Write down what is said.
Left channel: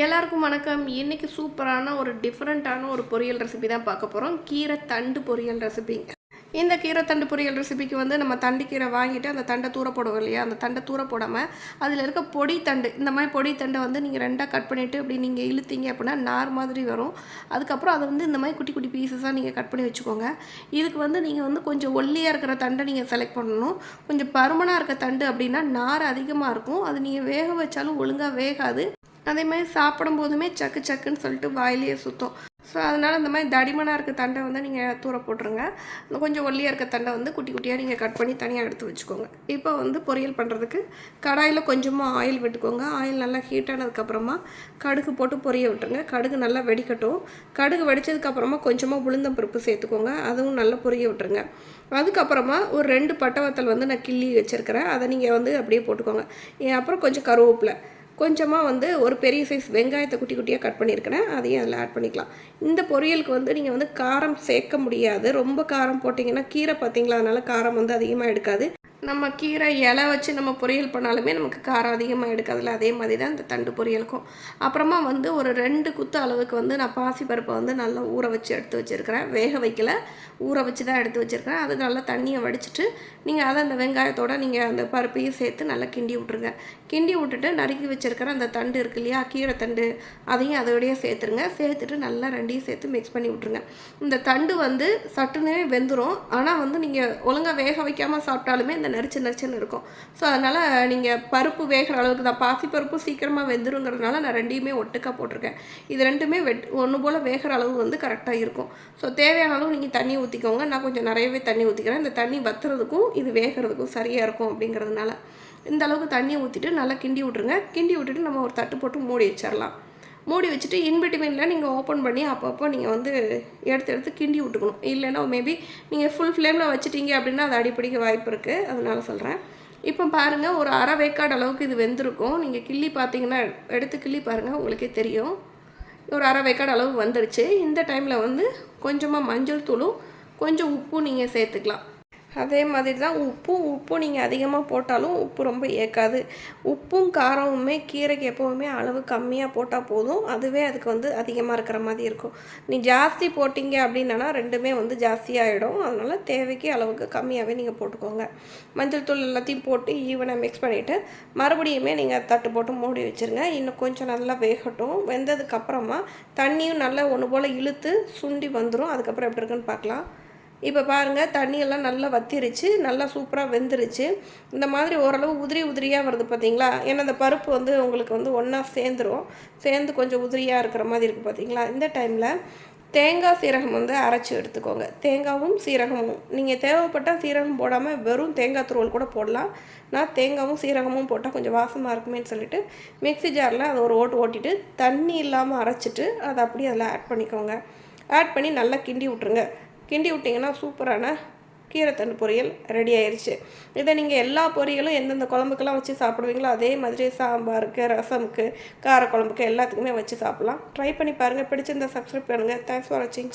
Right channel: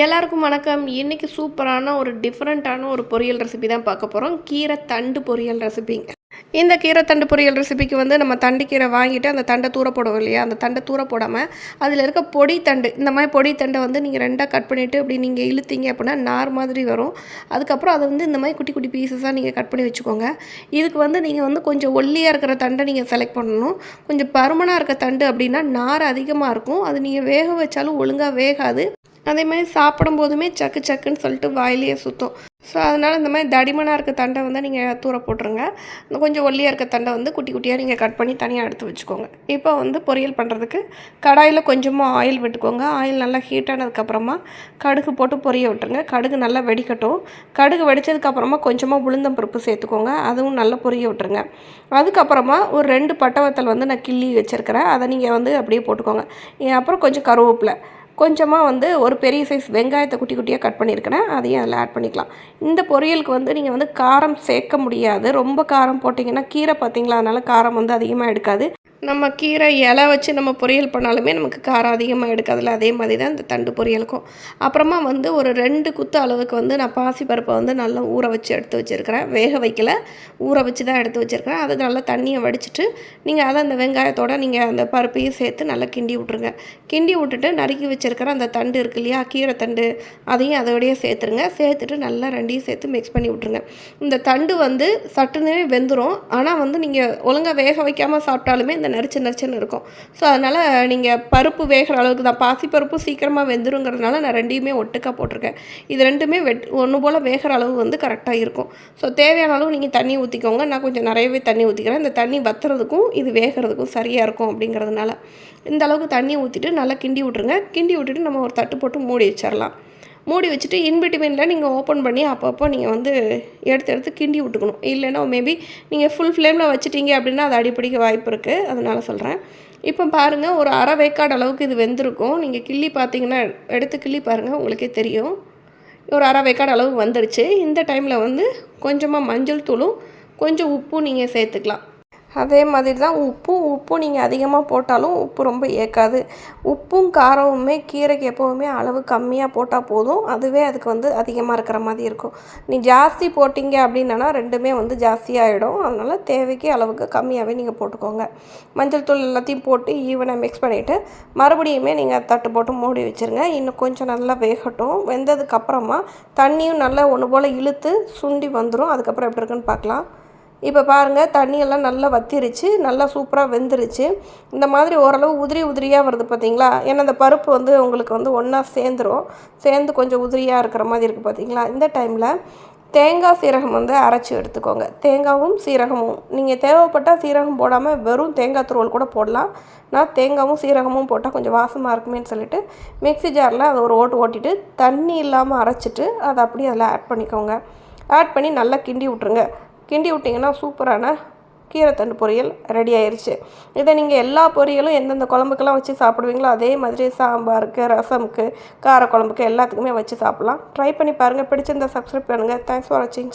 எல்லாருக்கும் வணக்கம். இன்னைக்கு சூப்பரான ஒரு டிஃப்ரெண்ட்டான ஒரு பொரியல் ரெசிபி தான் பார்க்க போகிறோம். கீரை தண்டு பொரியல் ரெசிபிங்க. இந்த கீரை தண்டு பொரியல் ரெசிபிக்கு வந்து நம்ம தண்டு கீரை வாங்கிட்டு அந்த தண்டை தூர போடுவோம் இல்லையா, அந்த தண்டை தூர போடாமல் அதில் இருக்க பொடி தண்டு, இந்த மாதிரி பொடி தண்டை வந்து நீங்கள் ரெண்டாக கட் பண்ணிவிட்டு அப்படி நீங்கள் இழுத்தீங்க அப்படின்னா நார் மாதிரி வரும். அதுக்கப்புறம் அதை வந்து இந்த மாதிரி குட்டி குட்டி பீசஸாக நீங்கள் கட் பண்ணி வச்சுக்கோங்க. இதுக்கு வந்து நீங்கள் வந்து கொஞ்சம் ஒல்லியாக இருக்கிற தண்டை நீங்கள் செலக்ட் பண்ணணும். கொஞ்சம் பருமனாக இருக்க தண்டு அப்படின்னா நார் அதிகமாக இருக்கும். அது நீங்கள் வேக வச்சாலும் ஒழுங்காக வேகாது. அதே மாதிரி சாப்பிடும்போதுமே சக்கு சக்குன்னு சொல்லிட்டு வாயிலேயே சுற்றும். ஸோ அதனால் இந்த மாதிரி தடிமனாக இருக்க தண்டை வந்து நீங்கள் தூர போட்டுருங்க. கொஞ்சம் ஒல்லியாக இருக்க தண்டை வந்து குட்டி குட்டியாக நீங்கள் கட் பண்ணி தனியாக எடுத்து வச்சுக்கோங்க. இப்போ வந்து பொரியல் பண்ணுறதுக்கு கடாயில் கொஞ்சமாக ஆயில் விட்டுக்கோங்க. ஆயில் நல்லா ஹீட் ஆனதுக்கப்புறமா கடுகு போட்டு பொரிய விட்டுருங்க. கடுகு நல்லா வெடிக்கட்டும். கடுகு வெடித்ததுக்கப்புறமா கொஞ்சமாக உளுந்தம் பருப்பு சேர்த்துக்கோங்க. அதுவும் நல்லா பொரிய விட்டுருங்க. அதுக்கப்புறமா ஒரு 2 பட்டை வத்தல் வந்து நான் கிள்ளி வச்சுருக்கிறேன். அதை நீங்கள் வந்து அப்படியே போட்டுக்கோங்க. அப்புறம் கொஞ்சம் கருவேப்பிலை, கொஞ்சமாக வந்து ஒரு பெரிய சைஸ் வெங்காயத்தை குட்டி குட்டியாக கட் பண்ணியிருக்கிறேன். அதையும் அதில் ஆட் பண்ணிக்கலாம். இந்த பொரியலுக்கு வந்து நீங்கள் வந்து காரம் சேர்க்க முடியாது. ரொம்ப காரம் போட்டிங்கன்னா கீரை பார்த்தீங்களா, அதனால் காரம் வந்து அதிகமாக எடுக்காது. நம்ம கீரை இலை வச்சு நம்ம பொரியல் பண்ணாலுமே நமக்கு காரம் அதிகமாக எடுக்காதுல்ல, அதே மாதிரி தான் இந்த தண்டு பொரியலுக்கும். அப்புறமா வந்து ஒரு 2 குத்து அளவுக்கு வந்து நான் பாசிப்பருப்பை வந்து நல்லா ஊற வச்சு எடுத்து வச்சுருக்கிறேன். வேக வைக்கல, ஊற வச்சு தான் எடுத்து வச்சுருக்கிறேன். அது நல்லா தண்ணியை வடிச்சிட்டு நீங்கள் அதை அந்த வெங்காயத்தோடு நீங்கள் அந்த பருப்பையும் சேர்த்து நல்லா கிண்டி விட்ருங்க. கிண்டி விட்டுட்டு நறுக்கி வச்சுருக்கிற அந்த தண்டு இருக்கு இல்லையா, கீரை தண்டு, அதையும் அதோடையே சேர்த்துருங்க. சேர்த்துட்டு நல்லா ரெண்டையும் சேர்த்து மிக்ஸ் பண்ணி விட்ருங்க. இந்த தண்டு வந்து சட்டுன்னு வெந்துடும். ஆனால் வந்து நீங்கள் ஒழுங்காக வேக வைக்காமல் சாப்பிட்டாலுமே இந்த நரிச்சுன்னு இருக்கும். ஸோ அதனால் நீங்கள் பருப்பு வேகிற அளவுக்கு தான், பாசிப்பருப்பு சீக்கிரமாக வெந்துருங்கிறதுனால நான் ரெண்டையுமே ஒட்டுக்காக போட்டிருக்கேன். இது ரெண்டுமே ஒன்று போல் வேகிற அளவு வந்து கரெக்டாக இருக்கும். ஸோ தேவையான அளவு நீங்கள் தண்ணி ஊற்றிக்கோங்க. நான் கொஞ்சம் நிறையவே தண்ணி ஊற்றிக்கிறேன். இந்த தண்ணி வத்துறதுக்கும் இது வேகிறதுக்கும் சரியாக இருக்கும் அப்படிங்கிறதுனால இந்த அளவுக்கு தண்ணி ஊற்றிட்டு நல்லா கிண்டி விட்ருங்க. கிண்டி விட்டுட்டு நம்ம ஒரு தட்டு போட்டு மூடி வச்சிடலாம். மூடி வச்சுட்டு இன்பிட்வீனில் நீங்கள் ஓப்பன் பண்ணி அப்பப்போ நீங்கள் வந்து எடுத்து கிண்டி விட்டுக்கணும். இல்லைன்னா மேபி நீங்கள் ஃபுல் ஃப்ளேமில் வச்சுட்டீங்க அப்படின்னா அது அடிப்பிடிக்க வாய்ப்பு இருக்குது. அதனால் சொல்கிறேன். இப்போ பாருங்கள், ஒரு அரை வேக்காடு அளவுக்கு இது வெந்திருக்கும். நீங்கள் கிள்ளி பார்த்தீங்கன்னா, எடுத்து கிள்ளி பாருங்கள், உங்களுக்கே தெரியும். ஒரு அரை வேக்காடு அளவு வந்துடுச்சு. இந்த டைமில் வந்து கொஞ்சமாக மஞ்சள் தூளும் கொஞ்சம் உப்பும் நீங்கள் சேர்த்துக்கலாம். அதே மாதிரி தான் உப்பும் நீங்கள் அதிகமாக போட்டாலும் உப்பு ரொம்ப ஏற்காது. உப்பும் காரமுமே கீரைக்கு எப்போவுமே அளவு கம்மியாக போட்டால் போதும். அதுவே அதுக்கு வந்து அதிகமாக இருக்கிற மாதிரி இருக்கும். நீ ஜாஸ்தி போட்டிங்க அப்படின்னா ரெண்டுமே வந்து ஜாஸ்தியாகிடும். அதனால் தேவைக்கு அளவுக்கு கம்மியாகவே நீங்கள் போட்டுக்கோங்க. மஞ்சள் தூள் எல்லாத்தையும் போட்டு ஈவனாக மிக்ஸ் பண்ணிவிட்டு மறுபடியுமே நீங்கள் தட்டு போட்டு மூடி வச்சுருங்க. இன்னும் கொஞ்சம் நல்லா வேகட்டும். வெந்ததுக்கப்புறமா தண்ணியும் நல்லா ஒன்று போல் இழுத்து சுண்டி வந்துடும். அதுக்கப்புறம் எப்படி இருக்குன்னு பார்க்கலாம். இப்போ பாருங்கள், தண்ணியெல்லாம் நல்லா வத்திருச்சு, நல்லா சூப்பராக வெந்துருச்சு. இந்த மாதிரி ஓரளவு உதிரியாக வருது பார்த்தீங்களா. ஏன்னா அந்த பருப்பு வந்து உங்களுக்கு வந்து ஒன்றா சேர்ந்து கொஞ்சம் உதிரியாக இருக்கிற மாதிரி இருக்குது பார்த்தீங்களா. இந்த டைமில் தேங்காய் சீரகம் வந்து அரைச்சி எடுத்துக்கோங்க. தேங்காயும் சீரகமும் நீங்கள் தேவைப்பட்டால் சீரகம் போடாமல் வெறும் தேங்காய் துருவல் கூட போடலாம். நான் தேங்காயும் சீரகமும் போட்டால் கொஞ்சம் வாசமாக இருக்குமேன்னு சொல்லிட்டு மிக்ஸி ஜாரில் அதை ஒரு ஓட்டிட்டு தண்ணி இல்லாமல் அரைச்சிட்டு அதை அப்படியே அதில் ஆட் பண்ணிக்கோங்க. ஆட் பண்ணி நல்லா கிண்டி விட்ருங்க. கிண்டி விட்டிங்கன்னா சூப்பரான கீரை தண்டு பொரியல் ரெடி ஆயிடுச்சு. இதை நீங்கள் எல்லா பொரியலும் எந்தெந்த குழம்புக்கெல்லாம் வச்சு சாப்பிடுவீங்களோ அதே மாதிரி சாம்பாருக்கு, ரசமுக்கு, கார குழம்புக்கு எல்லாத்துக்குமே வச்சு சாப்பிட்லாம். ட்ரை பண்ணி பாருங்கள். பிடிச்சிருந்தா சப்ஸ்கிரைப் பண்ணுங்கள். தேங்க்ஸ் ஃபார் வாட்சிங்.